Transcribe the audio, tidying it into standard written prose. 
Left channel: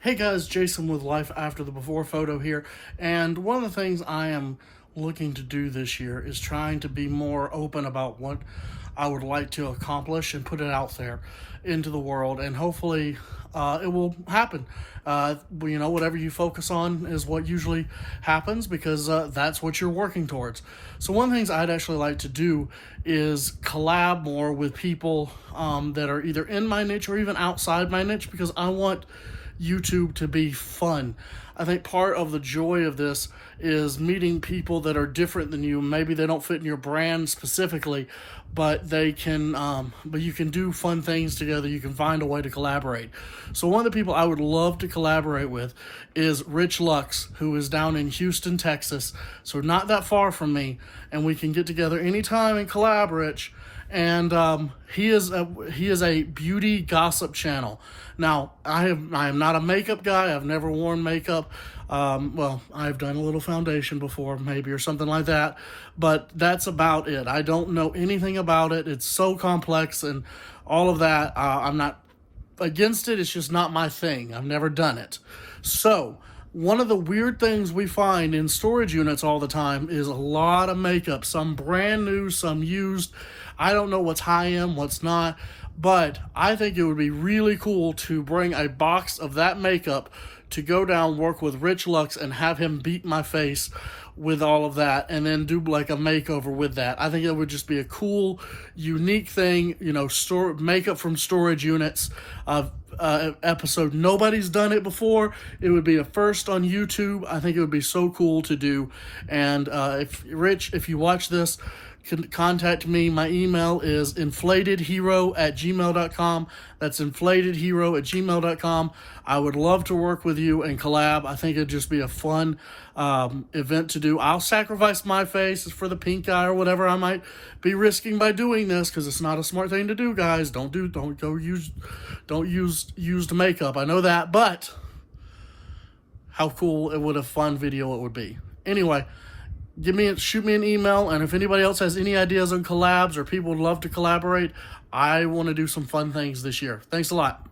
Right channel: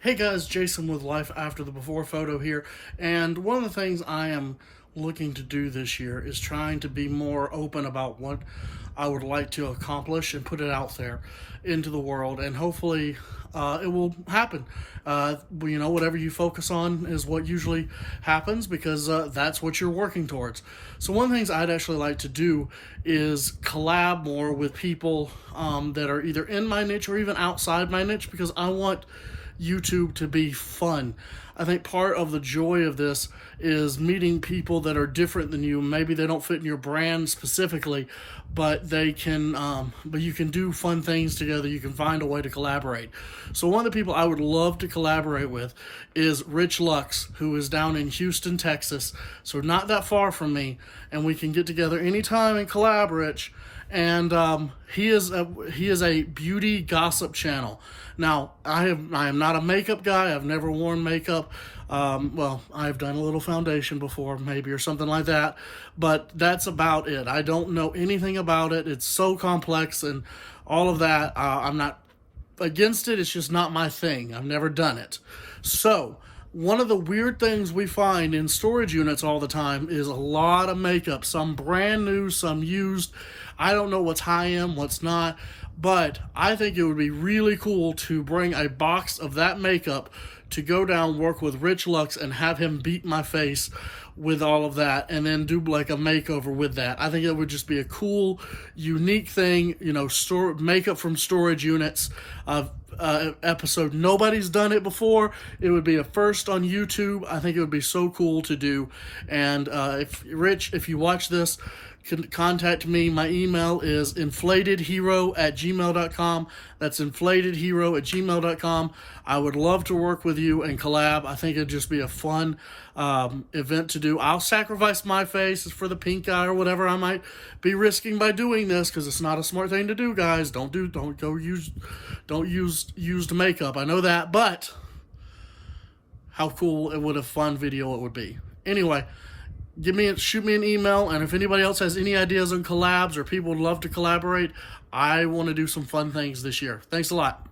Hey guys, Jason with Life After the Before Photo here, and one of the things I am looking to do this year is trying to be more open about what I would like to accomplish and put it out there into the world, and hopefully it will happen. Whatever you focus on is what usually happens because that's what you're working towards. So one of the things I'd actually like to do is collab more with people that are either in my niche or even outside my niche, because I want YouTube to be fun. I think part of the joy of this is meeting people that are different than you. Maybe they don't fit in your brand specifically, but they can, but you can do fun things together. You can find a way to collaborate. So one of the people I would love to collaborate with is Rich Lux, who is down in Houston, Texas. So not that far from me, and we can get together anytime and collab, Rich. And he is a beauty gossip channel. Now, I am not a makeup guy. I've never worn makeup. Well, I've done a little foundation before, maybe, or something like that. But that's about it. I don't know anything about it. It's so complex and all of that. I'm not against it. It's just not my thing. I've never done it. So, one of the weird things we find in storage units all the time is a lot of makeup. Some brand new, some used. I don't know what's high-end, what's not. But I think it would be really cool to bring a box of that makeup to go down, work with Rich Lux, and have him beat my face with all of that, and then do like a makeover with that. I think it would just be a cool, unique thing, makeup from storage units episode. Nobody's done it before. It would be a first on YouTube. I think it would be so cool to do. And if you watch this, contact me. My email is inflatedhero@gmail.com. That's inflatedhero@gmail.com. I would love to work with you and collab. I think it'd just be a fun event to do. I'll sacrifice my face for the pink eye or whatever I might be risking by doing this, because it's not a smart thing to do, guys. Don't use used makeup. I know that, but how cool it would a fun video it would be. Anyway, shoot me an email, and if anybody else has any ideas on collabs or people would love to collaborate, I want to do some fun things this year. Thanks a lot.